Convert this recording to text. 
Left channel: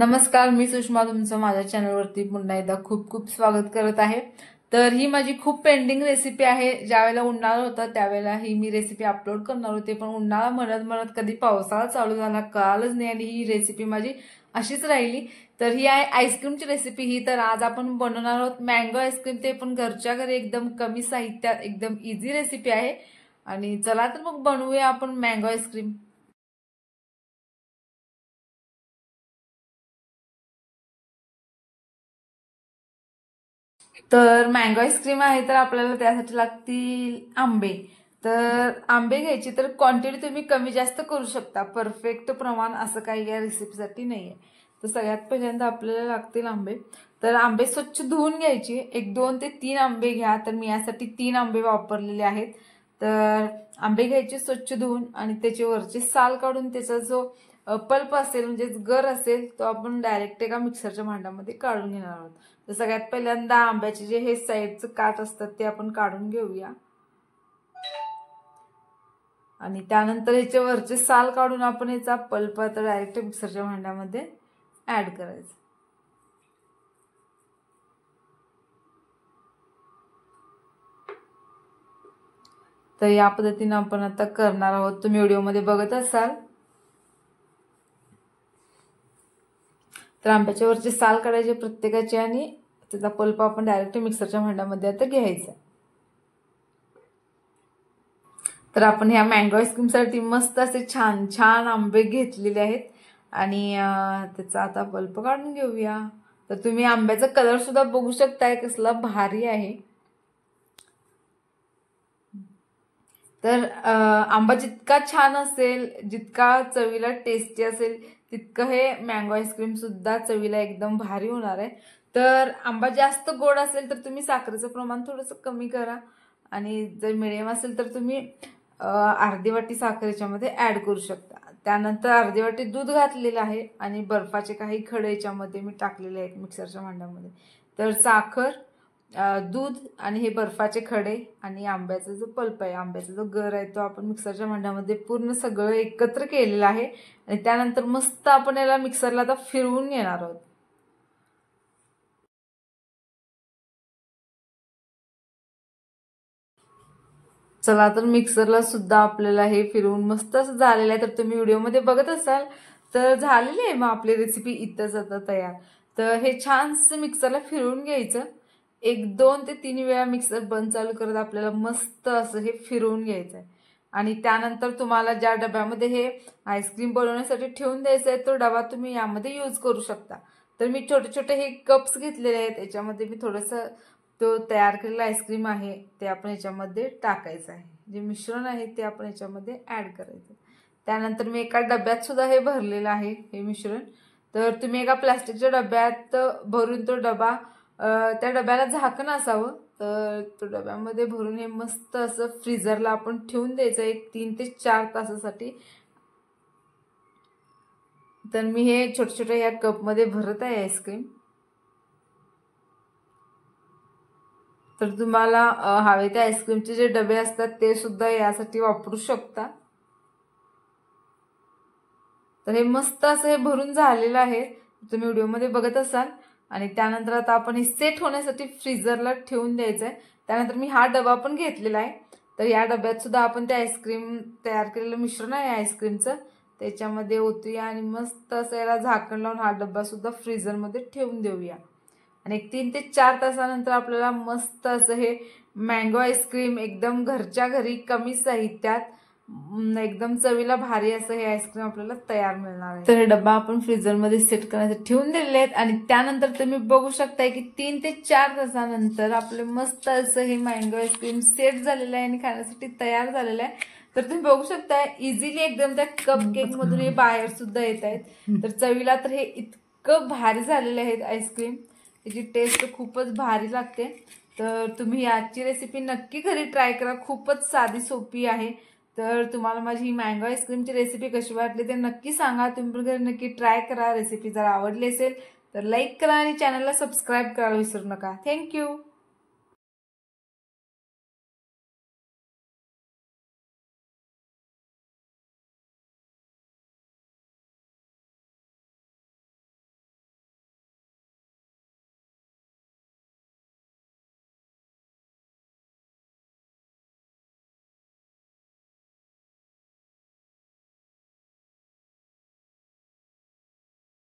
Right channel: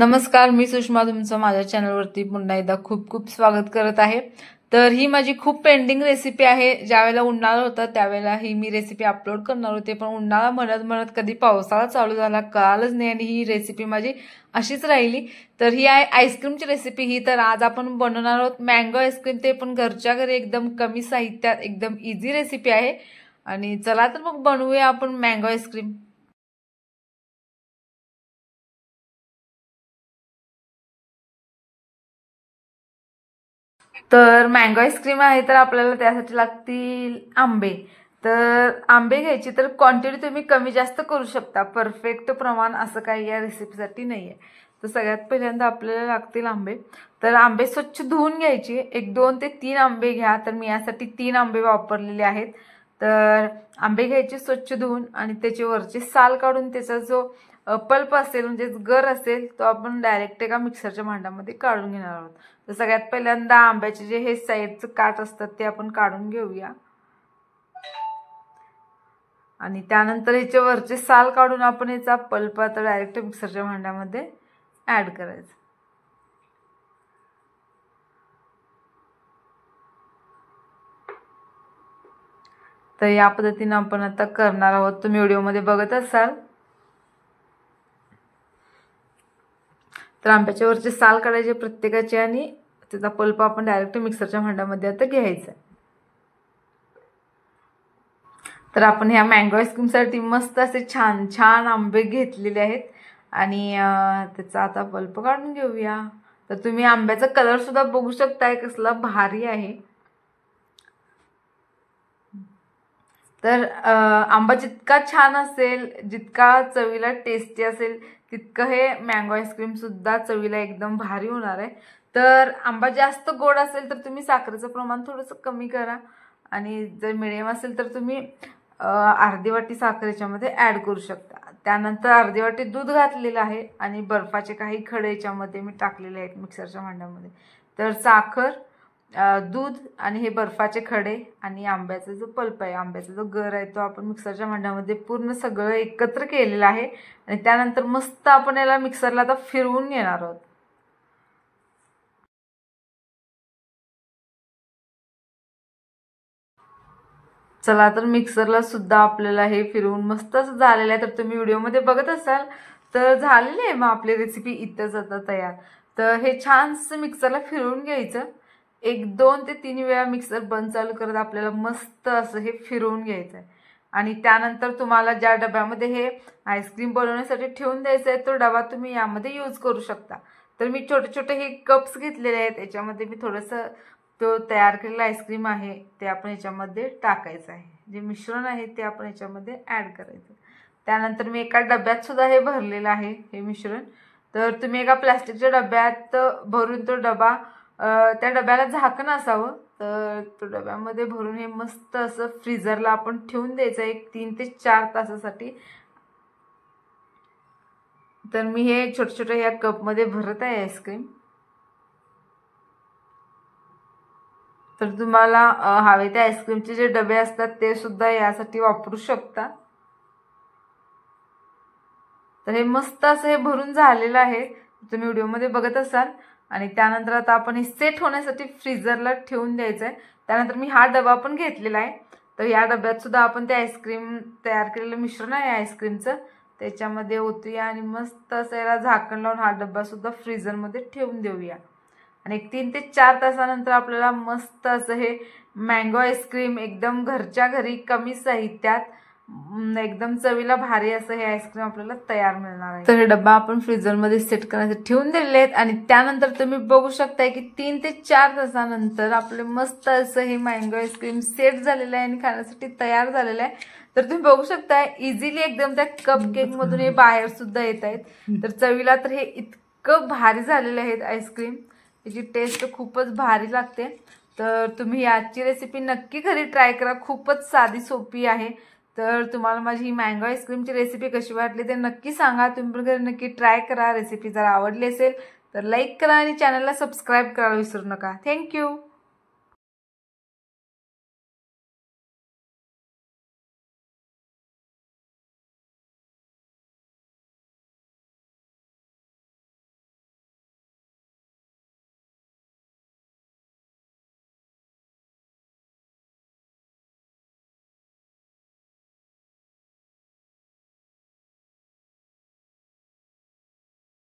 नमस्कार, मी सुषमा तुमचं माझ्या चॅनलवरती पुन्हा एकदा खूप खूप स्वागत करत आहे। तर ही माझी खूप पेंडिंग रेसिपी आहे। ज्यावेळेला उन्हाळा होता त्यावेळेला ही मी रेसिपी अपलोड करणार होते, पण उन्हाळा म्हणत कधी पावसाळा चालू झाला कळालंच नाही आणि ही रेसिपी माझी अशीच राहिली। तर ही आहे आईस्क्रीमची रेसिपी। ही तर आज आपण बनवणार आहोत मँगो आईस्क्रीम, ते पण घरच्या घरी एकदम कमी साहित्यात एकदम इझी रेसिपी आहे। आणि चला तर मग बनवूया आपण मँगो आईस्क्रीम। तर मँगो आईस्क्रीम आहे तर आपल्याला त्यासाठी लागतील आंबे। तर आंबे घ्यायचे, तर क्वांटिटी तुम्ही कमी जास्त करू शकता, परफेक्ट प्रमाण असं काही या रेसिपीसाठी नाहीये। तर सगळ्यात पहिल्यांदा आपल्याला लागतील आंबे। तर आंबे स्वच्छ धुवून घ्यायचे, 1-2 ते 3 आंबे घ्या। तर मी यासाठी 3 आंबे वापरलेले आहेत। तर आंबे घ्यायचे स्वच्छ धुवून आणि त्याचे वरचे साल काढून त्याचा जो पल्प असेल म्हणजे गर असेल तो आपण डायरेक्ट एका मिक्सरच्या भांड्यामध्ये काढून घेणार आहोत। तर सगळ्यात पहिल्यांदा आंब्याचे जे हे साईडचं काट असतात ते आपण काढून घेऊया आणि त्यानंतर याच्या वरचे साल काढून आपण याचा पल्प आता डायरेक्ट मिक्सरच्या भांड्यामध्ये ऍड करायचा। तर या पद्धतीने आपण आता करणार आहोत। तुम्ही व्हिडिओमध्ये बघत असाल। तर आंब्याच्या वरचे साल काढायचे प्रत्येकाचे आणि त्याचा पल्प आपण डायरेक्ट मिक्सरच्या भांड्यामध्ये आता घ्यायचा। तर आपण ह्या मँगो आईस्क्रीमसाठी मस्त असे छान छान आंबे घेतलेले आहेत आणि त्याचा आता पल्प काढून घेऊया। तर तुम्ही आंब्याचा कलर सुद्धा बघू शकताय कसला भारी आहे। तर आंबा जितका छान असेल, जितका चवीला टेस्टी असेल, तितकं हे मँगो आईस्क्रीम सुद्धा चवीला एकदम भारी होणार आहे। तर आंबा जास्त गोड असेल तर तुम्ही साखरेचं प्रमाण थोडंसं कमी करा आणि जर मिडियम असेल तर तुम्ही अर्धी वाटी साखर याच्यामध्ये ऍड करू शकता। त्यानंतर अर्धी वाटी दूध घातलेलं आहे आणि बर्फाचे काही खडे याच्यामध्ये मी टाकलेले आहेत मिक्सरच्या भांड्यामध्ये। तर साखर, दूध आणि हे बर्फाचे खडे आणि आंब्याचा जो पल्प आहे, आंब्याचा जो गर आहे, तो आपण मिक्सरच्या भांड्यामध्ये पूर्ण सगळं एकत्र केलेलं आहे आणि त्यानंतर मस्त आपण याला मिक्सरला आता फिरवून घेणार आहोत। चला तर मिक्सरला सुद्धा आपल्याला हे फिरवून मस्त असं झालेलं आहे। तर तुम्ही व्हिडिओमध्ये बघत असाल तर झालेली आहे मग आपली रेसिपी इथंच आता तयार। तर हे छानसं मिक्सरला फिरवून घ्यायचं, 1-2 ते 3 वेळा मिक्सर बंद चालू करत आपल्याला मस्त असं हे फिरवून घ्यायचं आहे। आणि त्यानंतर तुम्हाला ज्या डब्यामध्ये हे आईस्क्रीम बनवण्यासाठी ठेवून द्यायचं आहे तो डबा तुम्ही यामध्ये यूज करू शकता। तर मी छोटे छोटे हे कप्स घेतलेले आहेत, याच्यामध्ये मी थोडंसं तो तयार केलेला आईस्क्रीम आहे ते आपण याच्यामध्ये टाकायचं आहे। जे मिश्रण आहे ते आपण याच्यामध्ये ऍड करायचं। त्यानंतर मी एका डब्यात सुद्धा हे भरलेलं आहे हे मिश्रण। तर तुम्ही एका प्लास्टिकच्या डब्यात भरून तो डबा, त्या डब्याला झाकण असावं, तर तो डब्यामध्ये भरून हे मस्त असं फ्रीजरला आपण ठेवून द्यायचं 3 ते 4 तासासाठी। तर मी हे छोटे छोटे या कपमध्ये भरत आहे आईस्क्रीम। तर तुम्हाला हवे ते आईस्क्रीमचे जे डबे असतात ते सुद्धा यासाठी वापरू शकता। तर हे मस्त असं हे भरून झालेलं आहे, तुम्ही व्हिडिओमध्ये बघत असाल। आणि त्यानंतर आता आपण हे सेट होण्यासाठी फ्रीजरला ठेवून द्यायचं आहे। त्यानंतर मी हा डबा पण घेतलेला आहे, तर या डब्यात सुद्धा आपण ते आईस्क्रीम तयार केलेलं मिश्रण आहे आईस्क्रीमचं त्याच्यामध्ये ओतूया आणि मस्त असं याला झाकण लावून हा डब्बा सुद्धा फ्रीजरमध्ये ठेवून देऊया। आणि 3 ते 4 तासानंतर आपल्याला मस्त असं हे मँगो आईस्क्रीम एकदम घरच्या घरी कमी साहित्यात एकदम चवीला भारी असं हे आईस्क्रीम आपल्याला तयार मिळणार आहे। तर हे डब्बा आपण फ्रीजरमध्ये सेट करण्यासाठी ठेवून दिलेले आहेत आणि त्यानंतर तुम्ही बघू शकताय की 3 ते 4 तासानंतर आपले मस्त असं हे मँगो आईस्क्रीम सेट झालेलं आहे आणि खाण्यासाठी तयार झालेलं आहे। तर तुम्ही बघू शकता इझिली एकदम त्या कप केक मधून हे बाहेर सुद्धा येत आहेत। तर चवीला तर हे इतकं भारी झालेले आहेत आईस्क्रीम, याची टेस्ट खूपच भारी लागते। तर तुम्ही याची रेसिपी नक्की घरी ट्राय करा, खूपच साधी सोपी आहे। तर तुम्हाला माझी ही मँगो आईस्क्रीमची रेसिपी कशी वाटली ते नक्की सांगा। तुम्ही पण घरी नक्की ट्राय करा। रेसिपी जर आवडली असेल तर लाईक करा आणि चॅनलला सबस्क्राईब करायला विसरू नका। थँक्यू।